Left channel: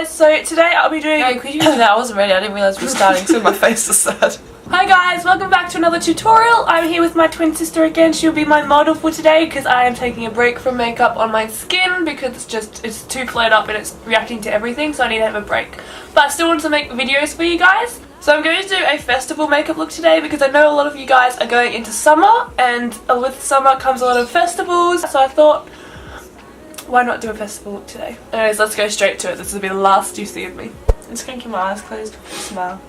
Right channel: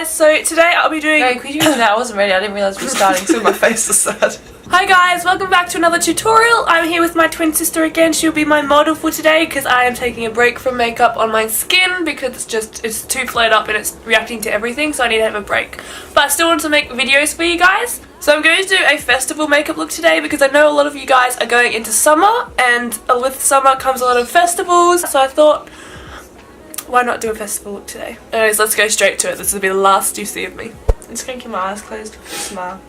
guys, so today I'll be doing... No, could you do that? I wasn't ready, I didn't realise we were starting, so my face was sad. Hi guys, welcome back to another tutorial. I'm here with my twin sister again. She'll be my model for today because I am taking a break from makeup on my skin because it's too flared up and it's reacting to everything, so I need to have a break. But I still want to make videos for you guys. So I'm going to do a festival makeup look today because I know a lot of you guys are going into summer, and with summer comes a lot of festivals, so I thought, why not do a festival look today? Anyways, let's go straight to it. This will be the last you see of me. I'm just going to keep my eyes closed. Smile.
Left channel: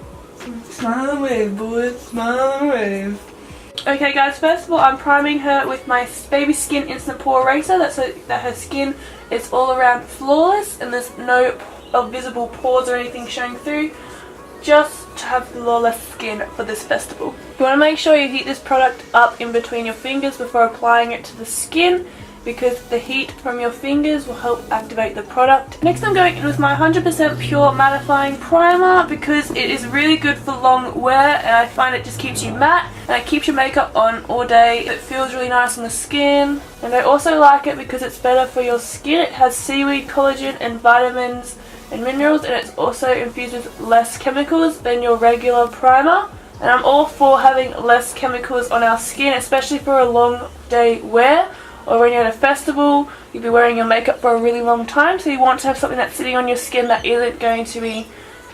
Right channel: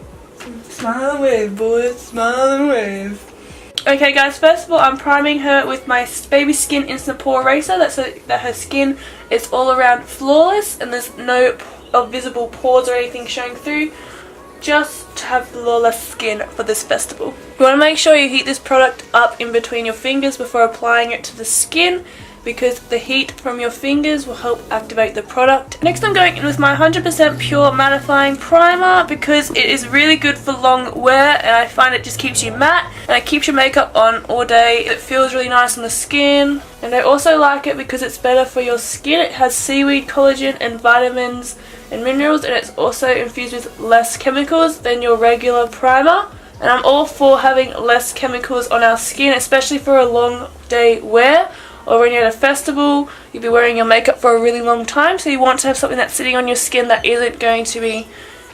Smile and wave, boys. Smile and wave. Okay guys, first of all, I'm priming her with my Baby Skin Instant Pore Eraser. That's so that her skin is all around flawless and there's no visible pores or anything showing through. Just to have flawless skin for this festival. You want to make sure you heat this product up in between your fingers before applying it to the skin, because the heat from your fingers will help activate the product. Next I'm going in with my 100% pure mattifying primer because it is really good for long wear and I find it just keeps you matte and it keeps your makeup on all day. It feels really nice on the skin, and I also like it because it's better for your skin. It has seaweed, collagen and vitamins and minerals, and it's also infused with less chemicals than your regular primer. And I'm all for having less chemicals on our skin, especially for a long day wear. Or when you're at a festival, you'll be wearing your makeup for a really long time, so you want to have something that's sitting on your skin that isn't going to be,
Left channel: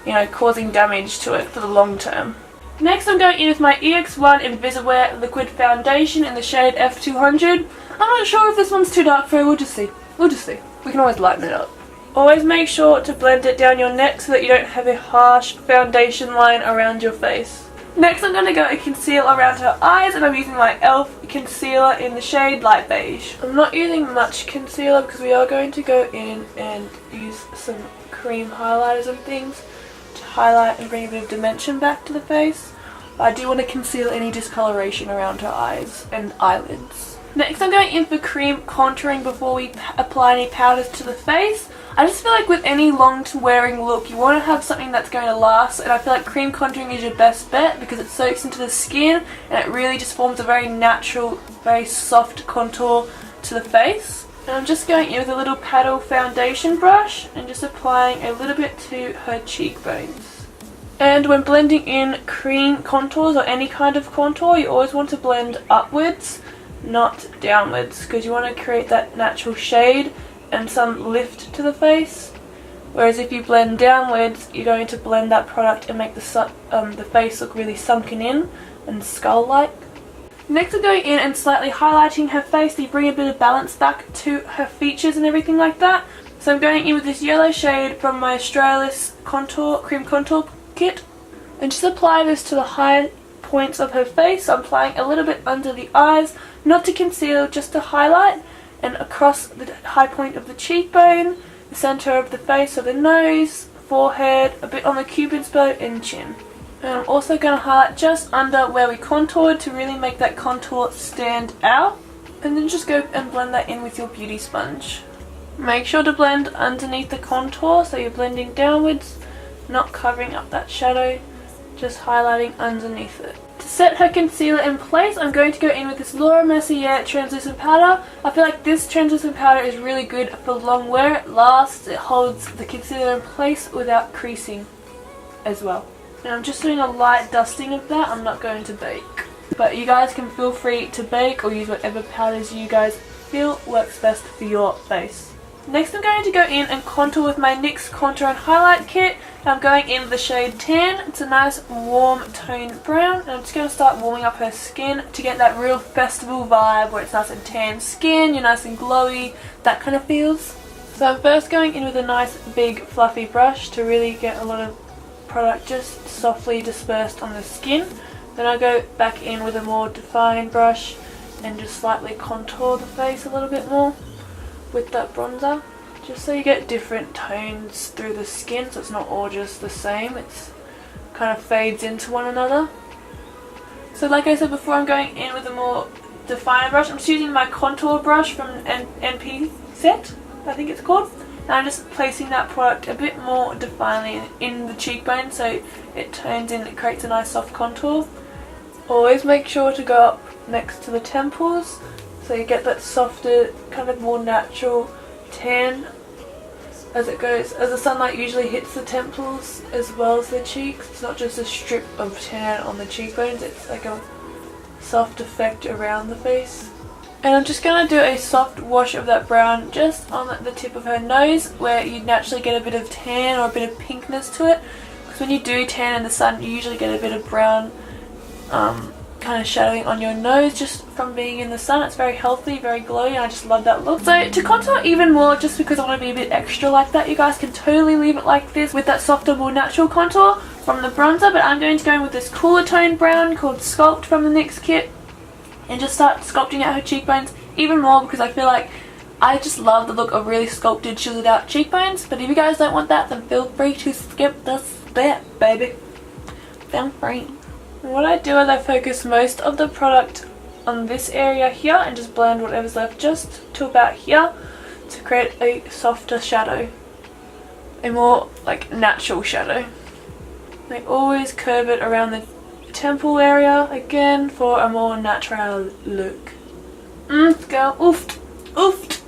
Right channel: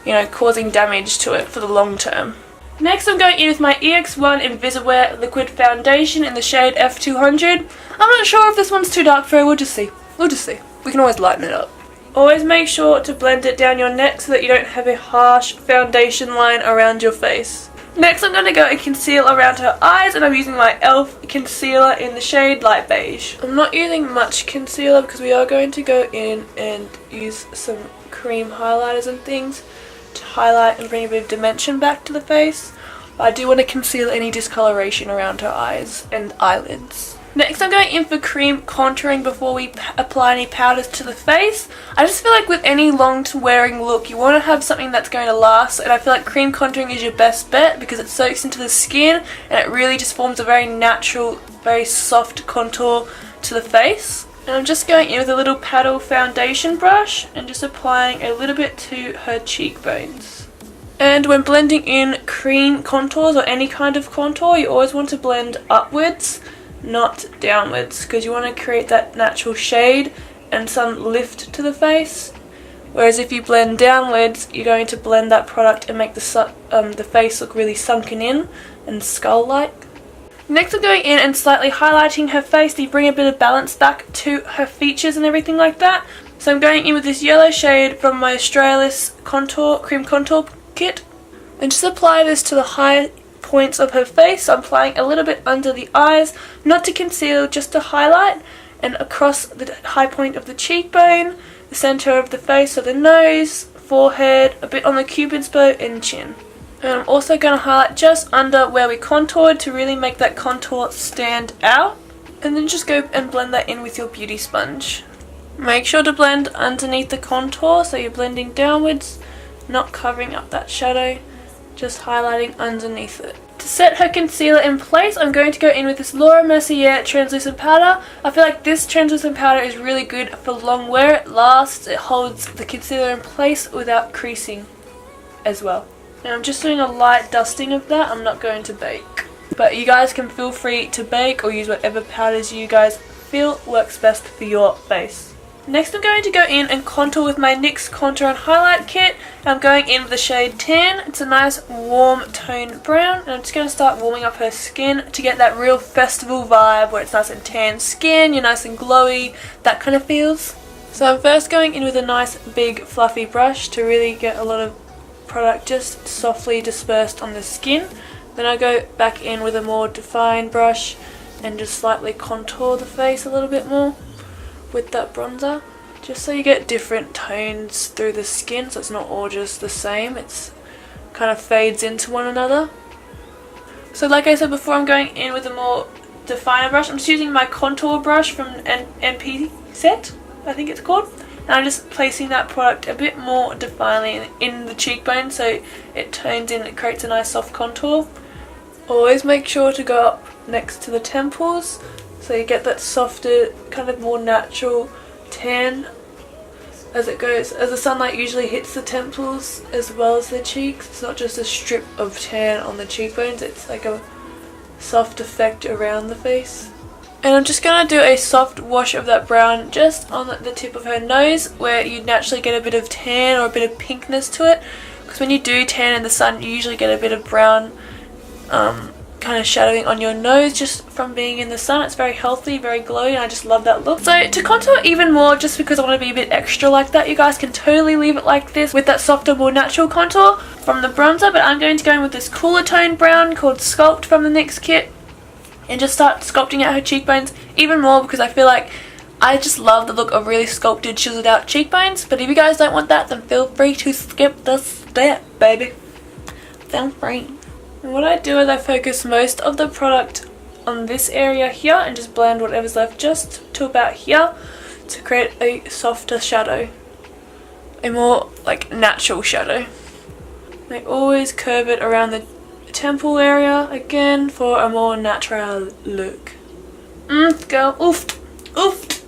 you know, causing damage to it for the long term. Next I'm going in with my EX1 Invisiwear Liquid Foundation in the shade F200. I'm not sure if this one's too dark for her, we'll just see. We'll just see. We can always lighten it up. Always make sure to blend it down your neck so that you don't have a harsh foundation line around your face. Next I'm going to go and conceal around her eyes, and I'm using my e.l.f. concealer in the shade Light Beige. I'm not using much concealer because we are going to go in and use some cream highlighters and things to highlight and bring a bit of dimension back to the face. But I do want to conceal any discoloration around her eyes and eyelids. Next I'm going in for cream contouring before we apply any powders to the face. I just feel like with any long wearing look you want to have something that's going to last, and I feel like cream contouring is your best bet because it soaks into the skin and it really just forms a very natural, very soft contour to the face. And I'm just going in with a little paddle foundation brush and just applying a little bit to her cheekbones. And when blending in cream contours or any kind of contour, you always want to blend upwards, not downwards, because you want to create that natural shade and some lift to the face. Whereas if you blend downwards, you're going to blend that product and make the face look really sunken in and skull-like. Next I'm going in and slightly highlighting her face to bring a bit of balance back to her features and everything like that. So I'm going in with this yellow shade from my Australis Cream Contour Kit and just apply this to the high points of her face. I'm applying a little bit under the eyes, not to conceal, just to highlight, and across the high point of the cheekbone, the center of the face, so the nose, forehead, a bit on the cupid's bow and chin. And I'm also going to highlight just under where we contoured to really make that contour stand out, and then just go and blend that in with your beauty sponge. Make sure to blend underneath the contour so you're blending downwards, not covering up that shadow, just highlighting underneath it. To set her concealer in place, I'm going to go in with this Laura Mercier translucent powder. I feel like this translucent powder is really good for long wear. It lasts, it holds the concealer in place without creasing as well. And I'm just doing a light dusting of that. I'm not going to bake. But you guys can feel free to bake or use whatever powders you guys feel works best for your face. Next I'm going to go in and contour with my NYX Contour and Highlight Kit. I'm going in with the shade Tan. It's a nice warm toned brown, and I'm just going to start warming up her skin to get that real festival vibe where it's nice and tan skin, you're nice and glowy, that kind of feels. So I'm first going in with a nice big fluffy brush to really get a lot of product just softly dispersed on the skin. Then I go back in with a more defined brush and just slightly contour the face a little bit more with that bronzer, just so you get different tones through the skin, so it's not all just the same, it's kind of fades into one another. So like I said before, I'm going in with a more defined brush. I'm just using my contour brush from NP Set, I think it's called, and I'm just placing that product a bit more definely in the cheekbone so it tones in, it creates a nice soft contour. Always make sure to go up next to the temples so you get that softer, kind of more natural tan as it goes, as the sunlight usually hits the temples as well as the cheeks. It's not just a strip of tan on the cheekbones, it's like a soft effect around the face. And I'm just going to do a soft wash of that brown just on the tip of her nose, where you naturally get a bit of tan or a bit of pinkness to it. Because when you do tan in the sun, you usually get a bit of brown kind of shadowing on your nose just from being in the sun. It's very healthy, very glowy, and I just love that look. So to contour even more, just because I want to be a bit extra like that, you guys can totally leave it like this with that softer, more natural contour from the bronzer. But I'm going to go in with this cooler tone brown called Sculpt from the NYX kit, and just start sculpting out her cheekbones even more, because I feel like I just love the look of really sculpted, chiseled out cheekbones. But if you guys don't want that, then feel free to skip the step, baby. Feel free. And what I do is I focus most of the product on this area here and just blend whatever's left just to about here to create a softer shadow, a more like natural shadow. I always curve it around the temple area again for a more natural look. Girl, oofed, oofed,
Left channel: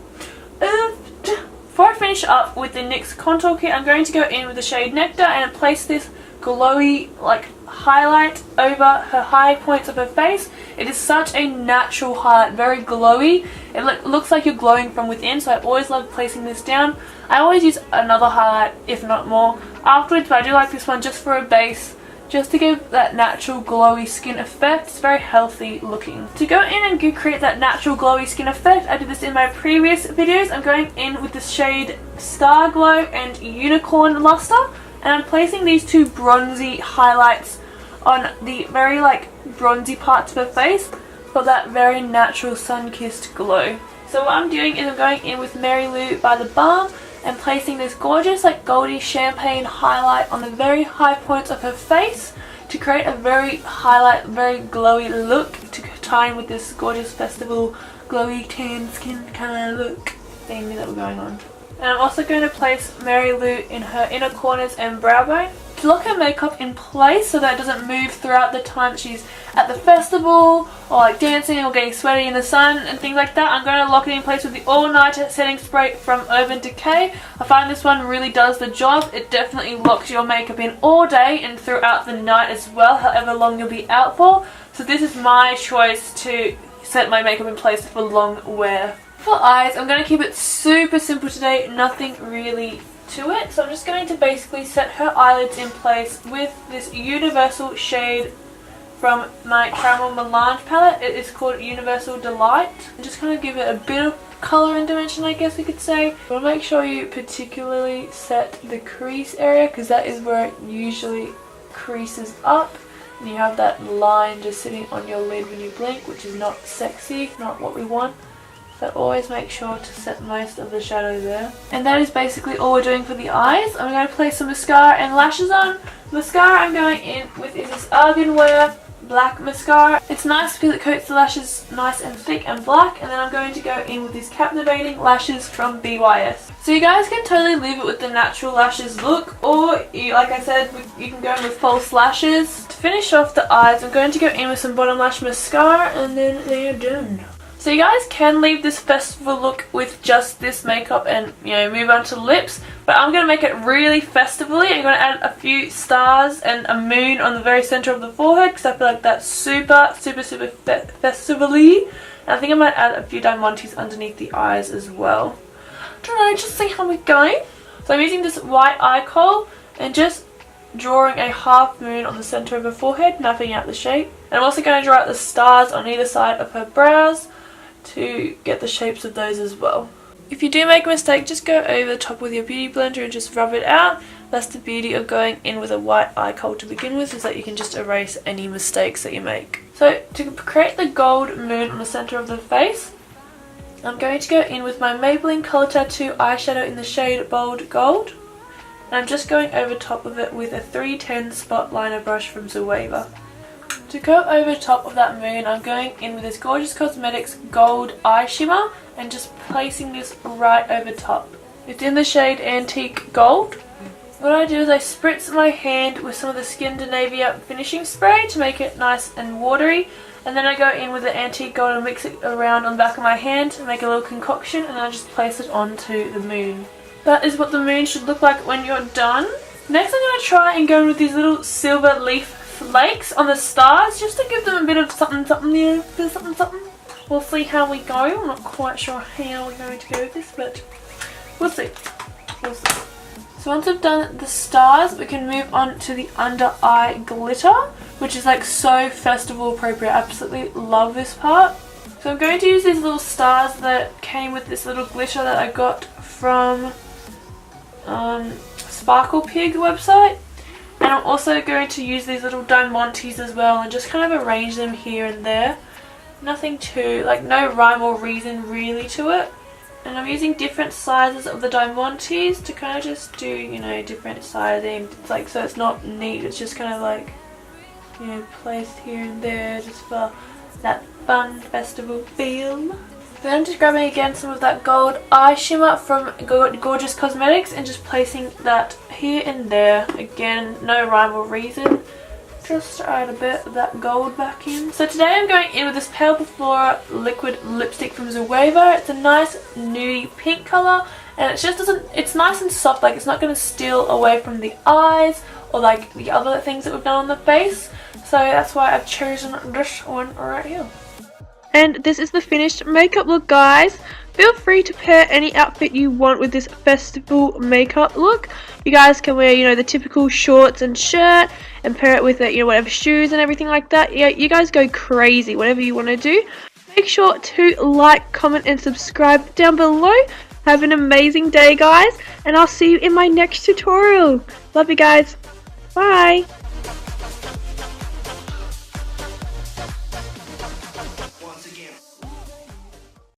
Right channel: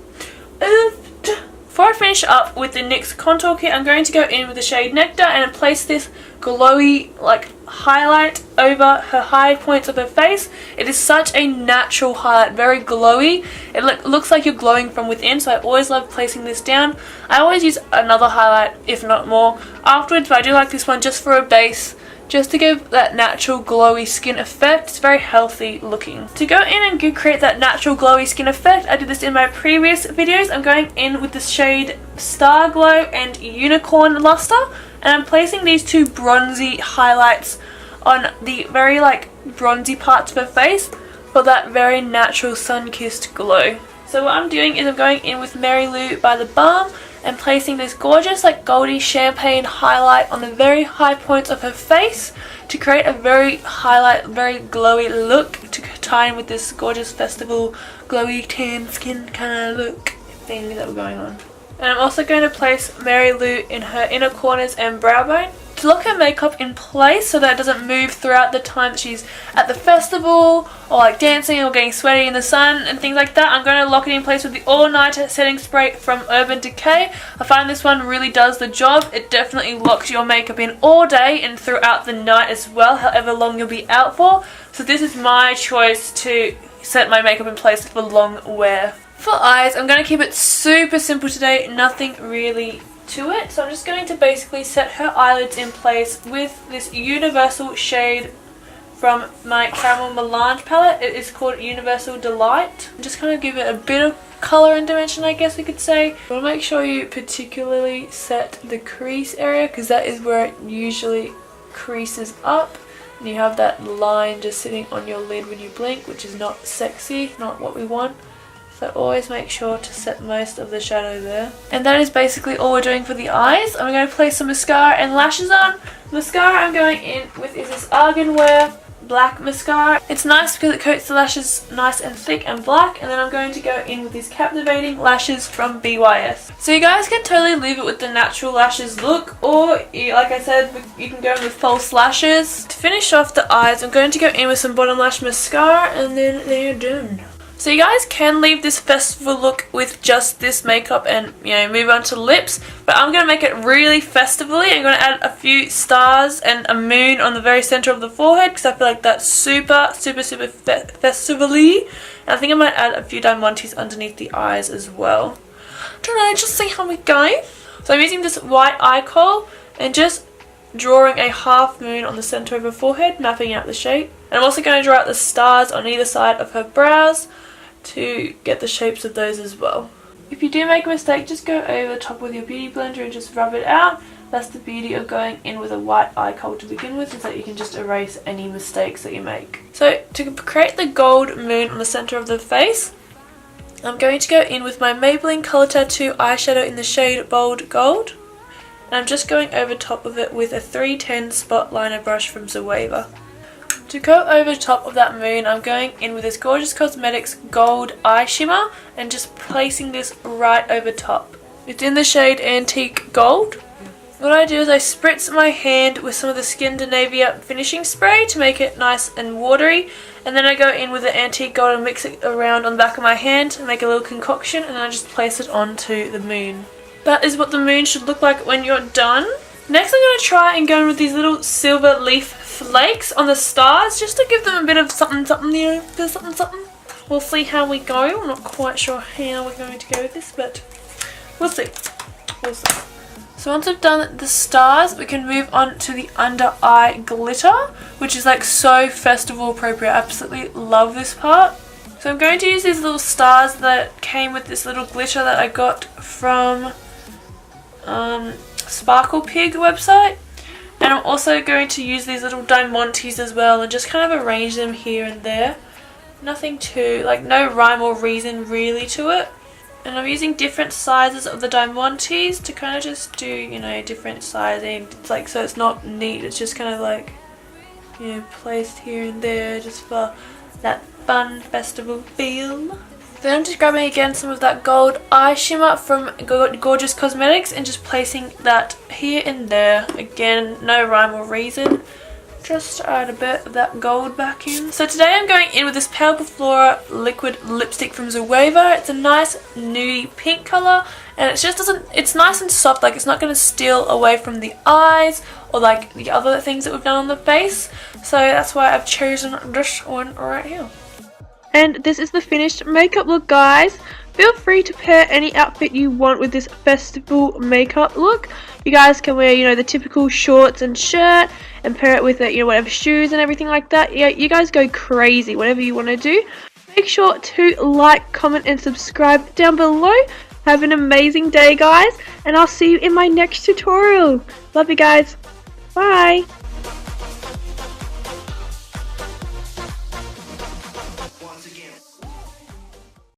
oofed. Before I finish up with the NYX contour kit, I'm going to go in with the shade Nectar and place this glowy like highlight over her high points of her face. It is such a natural highlight, very glowy. It looks like you're glowing from within, so I always love placing this down. I always use another highlight, if not more, afterwards, but I do like this one just for a base, just to give that natural glowy skin effect. It's very healthy looking. To go in and create that natural glowy skin effect, I did this in my previous videos. I'm going in with the shade Star Glow and Unicorn Luster, and I'm placing these two bronzy highlights on the very like bronzy parts of her face for that very natural sun-kissed glow. So what I'm doing is I'm going in with Mary Lou by the Balm and placing this gorgeous like goldy champagne highlight on the very high points of her face to create a very highlight, very glowy look to tie in with this gorgeous festival glowy tan skin kind of look thing that we're going on. And I'm also going to place Mary Lou in her inner corners and brow bone to lock her makeup in place so that it doesn't move throughout the time she's at the festival or like dancing or getting sweaty in the sun and things like that. I'm going to lock it in place with the All Nighter setting spray from Urban Decay. I find this one really does the job. It definitely locks your makeup in all day and throughout the night as well, however long you'll be out for. So this is my choice to set my makeup in place for long wear. For eyes, I'm going to keep it super simple today, nothing really to it. So I'm just going to basically set her eyelids in place with this universal shade from my Caramel Melange palette. It is called Universal Delight. I'm just going to give it a bit of colour and dimension, I guess we could say. I want to make sure you particularly set the crease area, because that is where it usually creases up. And you have that line just sitting on your lid when you blink, which is not sexy, not what we want. So always make sure to set most of the shadow there. And that is basically all we're doing for the eyes. I'm going to place some mascara and lashes on. Mascara I'm going in with is this Arganwear black mascara. It's nice because it coats the lashes nice and thick and black. And then I'm going to go in with these captivating lashes from BYS. So you guys can totally leave it with the natural lashes look, or like I said, you can go in with false lashes. To finish off the eyes, I'm going to go in with some bottom lash mascara, and then they're done. So you guys can leave this festival look with just this makeup and, you know, move on to lips. But I'm going to make it really festival-y. I'm going to add a few stars and a moon on the very centre of the forehead, because I feel like that's super festival-y. And I think I might add a few diamantes underneath the eyes as well. I don't know, just see how we go. So I'm using this white eye kohl and just drawing a half moon on the centre of her forehead, mapping out the shape. And I'm also going to draw out the stars on either side of her brows to get the shapes of those as well. If you do make a mistake, just go over the top with your beauty blender and just rub it out. That's the beauty of going in with a white eye kohl to begin with, is that you can just erase any mistakes that you make. So to create the gold moon on the centre of the face, I'm going to go in with my Maybelline Colour Tattoo eyeshadow in the shade Bold Gold. And I'm just going over top of it with a 310 spot liner brush from Zoeva. To go over top of that moon, I'm going in with this Gorgeous Cosmetics Gold Eye Shimmer and just placing this right over top. It's in the shade Antique Gold. What I do is I spritz my hand with some of the Scandinavia finishing spray to make it nice and watery, and then I go in with the Antique Gold and mix it around on the back of my hand to make a little concoction, and then I just place it onto the moon. that is what the moon should look like when you're done. Next I'm going to try and go in with these little silver leaf flakes on the stars, just to give them a bit of something, you know, there's something. We'll see how we go. I'm not quite sure how we're going to go with this, but we'll see. So once we've done the stars, we can move on to the under eye glitter, which is like so festival appropriate. I absolutely love this part. So I'm going to use these little stars that came with this little glitter that I got from Sparkle Pig website. And I'm also going to use these little diamantes as well and just kind of arrange them here and there. Nothing too, like no rhyme or reason really to it. And I'm using different sizes of the diamantes to kind of just do, you know, different sizing. It's like, so it's not neat, it's just kind of like, you know, placed here and there just for that fun festival feel. Then I'm just grabbing again some of that gold eye shimmer from Gorgeous Cosmetics and just placing that here and there. Again, no rhyme or reason. Just add a bit of that gold back in. So today I'm going in with this Pale Flora liquid lipstick from Zoeva. It's a nice nudie pink colour and it just doesn't, it's nice and soft, like it's not going to steal away from the eyes or like the other things that we've done on the face. So that's why I've chosen this one right here. And this is the finished makeup look, guys. Feel free to pair any outfit you want with this festival makeup look. You guys can wear, you know, the typical shorts and shirt and pair it with, you know, whatever shoes and everything like that. Yeah, you guys go crazy, whatever you want to do. Make sure to like, comment and subscribe down below. Have an amazing day, guys, and I'll see you in my next tutorial. Love you guys. Bye.